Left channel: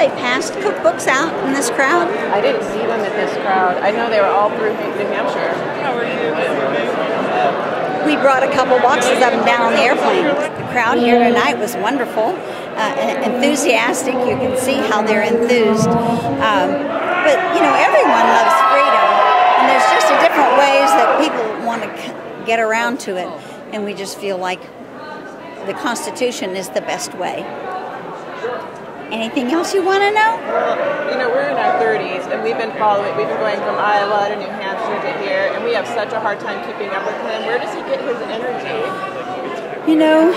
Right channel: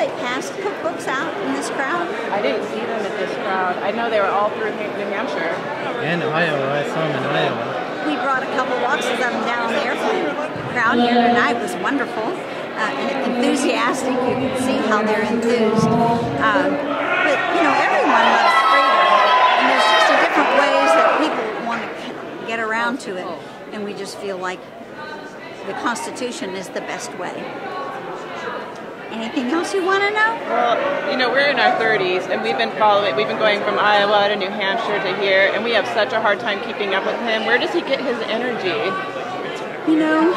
they passed cookbooks out in this crowd? I didn't see them in this crowd. I know they were all through New Hampshire. And Iowa, I seen in Iowa. We brought a couple boxes up and down on the airplane. The crowd here tonight was wonderful, enthusiastic. You can see how they're enthused. But, you know, everyone loves freedom. And there's just different ways that people want to get around to it. And we just feel like the Constitution is the best way. Anything else you want to know? Well, you know, we're in our 30s, and we've been following. We've been going from Iowa to New Hampshire to here, and we have such a hard time keeping up with him. Where does he get his energy? You know,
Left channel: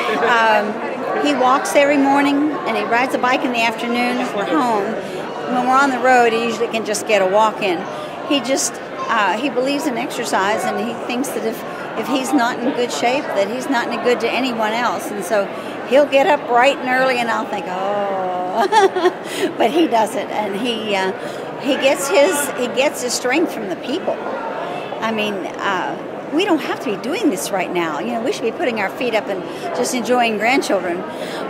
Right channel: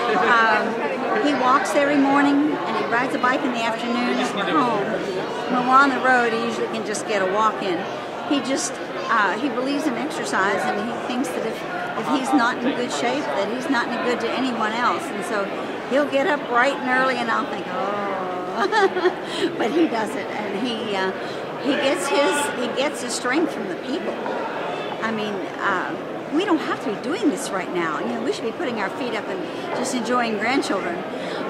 he walks every morning, and he rides a bike in the afternoon. We're home. When we're on the road, he usually can just get a walk in. He just he believes in exercise, and he thinks that if he's not in good shape, that he's not any good to anyone else. And so he'll get up bright and early, and I'll think, oh. But he doesn't, and he gets his strength from the people. I mean, we don't have to be doing this right now. You know, we should be putting our feet up and just enjoying grandchildren.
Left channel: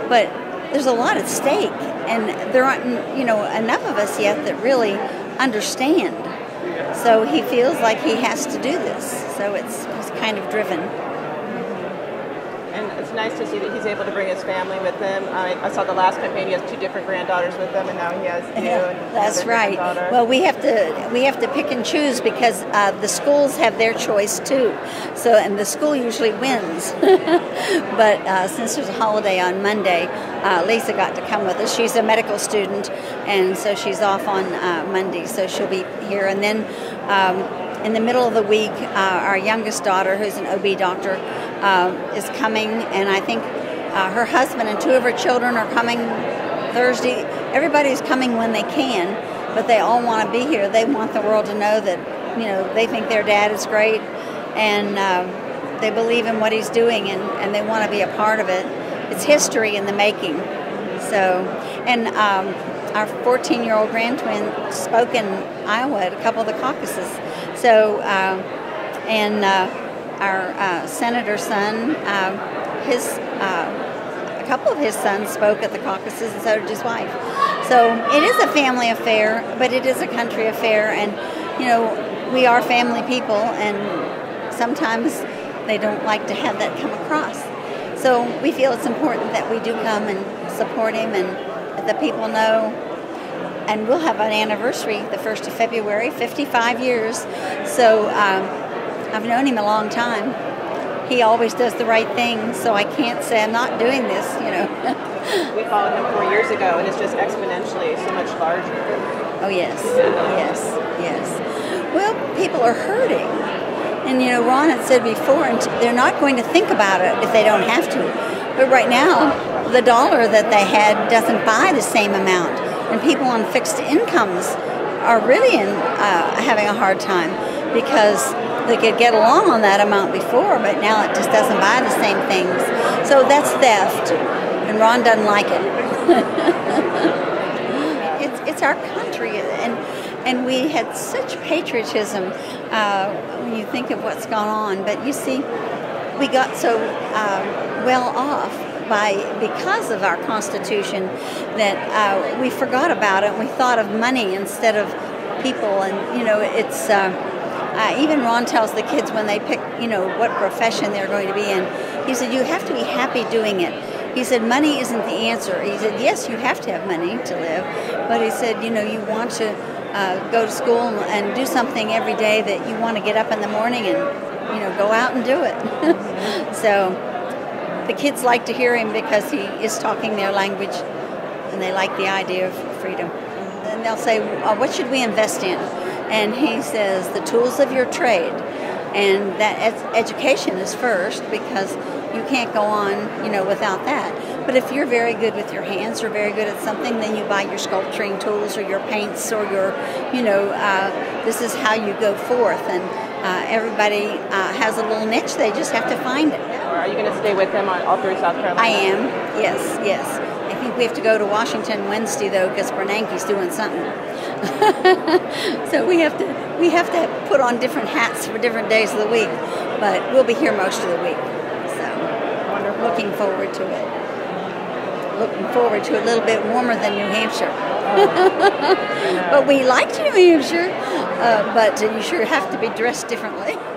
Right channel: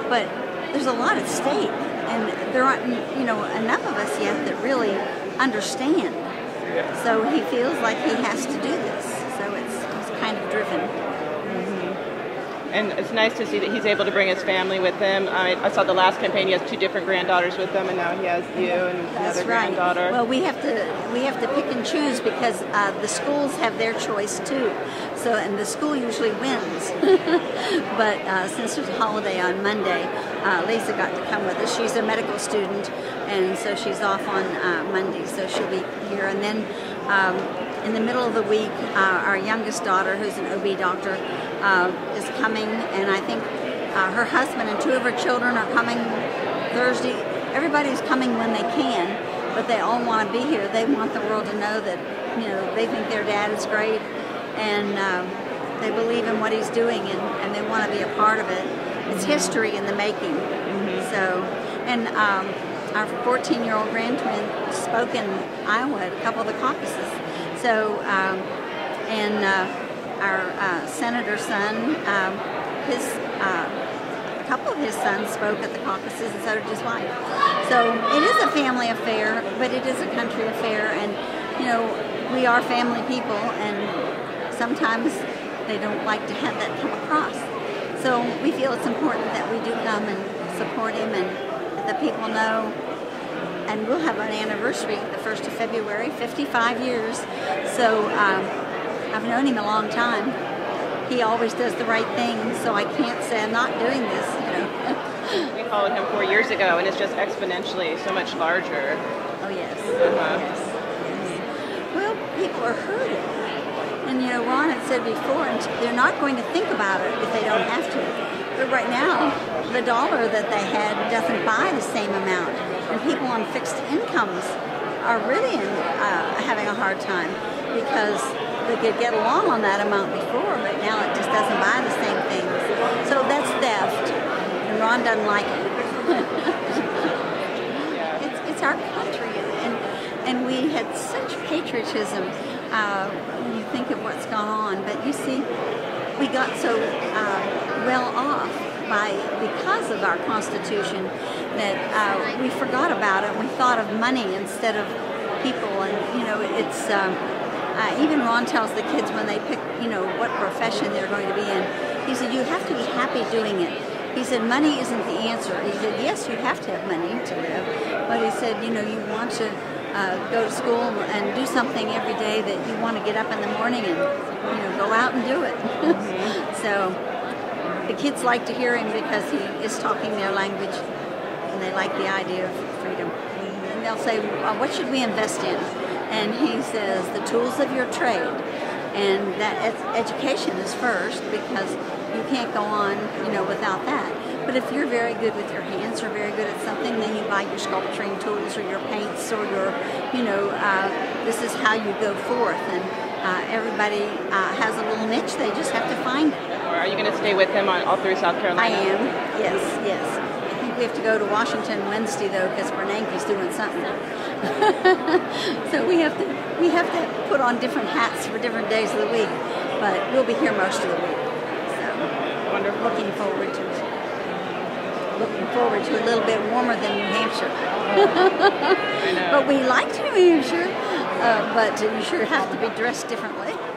But there's a lot at stake, and there aren't, you know, enough of us yet that really understand. So he feels like he has to do this. So he's kind of driven. And it's nice to see that he's able to bring his family with him. I saw the last campaign; he has 2 different granddaughters with him, and now he has you and that's another right. granddaughter. Well, we have to pick and choose because the schools have their choice too. So, and the school usually wins. But since there's a holiday on Monday, Lisa got to come with us. She's a medical student, and so she's off on Monday. So she'll be here, and then. In the middle of the week, our youngest daughter, who's an OB doctor, is coming, and I think her husband and 2 of her children are coming Thursday. Everybody's coming when they can, but they all want to be here. They want the world to know that, you know, they think their dad is great, and they believe in what he's doing, and they want to be a part of it. It's history in the making. So, and our 14-year-old grand-twin spoke in Iowa at a couple of the caucuses. So, and our senator's son, a couple of his sons spoke at the caucuses, and so did his wife. So it is a family affair, but it is a country affair, and, you know, we are family people, and sometimes they don't like to have that come across. So we feel it's important that we do come and support him, and the people know. And we'll have an anniversary the 1st of February, 55 years. So I've known him a long time. He always does the right thing, so I can't say I'm not doing this, you know. We followed him 4 years ago, and it's just exponentially so much larger. Oh, yes, yes, yes. Well, people are hurting. And, you know, Ron had said before, they're not going to think about it if they don't have to. But right now, the dollar that they had doesn't buy the same amount. And people on fixed incomes are really having a hard time because they could get along on that amount before, but now it just doesn't buy the same things. So that's theft, and Ron doesn't like it. It's our country, and we had such patriotism when you think of what's gone on. But you see, we got so well off because of our Constitution that we forgot about it, and we thought of money instead of people. And, you know, it's even Ron tells the kids when they pick, you know, what profession they're going to be in, he said, you have to be happy doing it. He said, money isn't the answer. He said, yes, you have to have money to live, but he said, you know, you want to go to school and do something every day that you want to get up in the morning and, you know, go out and do it. So the kids like to hear him because he is talking their language, and they like the idea of freedom. And they'll say, oh, what should we invest in? And he says, the tools of your trade. And that education is first, because you can't go on, you know, without that. But if you're very good with your hands or very good at something, then you buy your sculpturing tools or your paints or your, you know, this is how you go forth. And everybody has a little niche. They just have to find it. Are you going to stay with them all through South Carolina? I am, yes, yes. I think we have to go to Washington Wednesday, though, because Bernanke's doing something. So we have to put on different hats for different days of the week, but we'll be here most of the week. So wonderful. Looking forward to it. Looking forward to a little bit warmer than New Hampshire. New Hampshire, but you sure have to be dressed differently.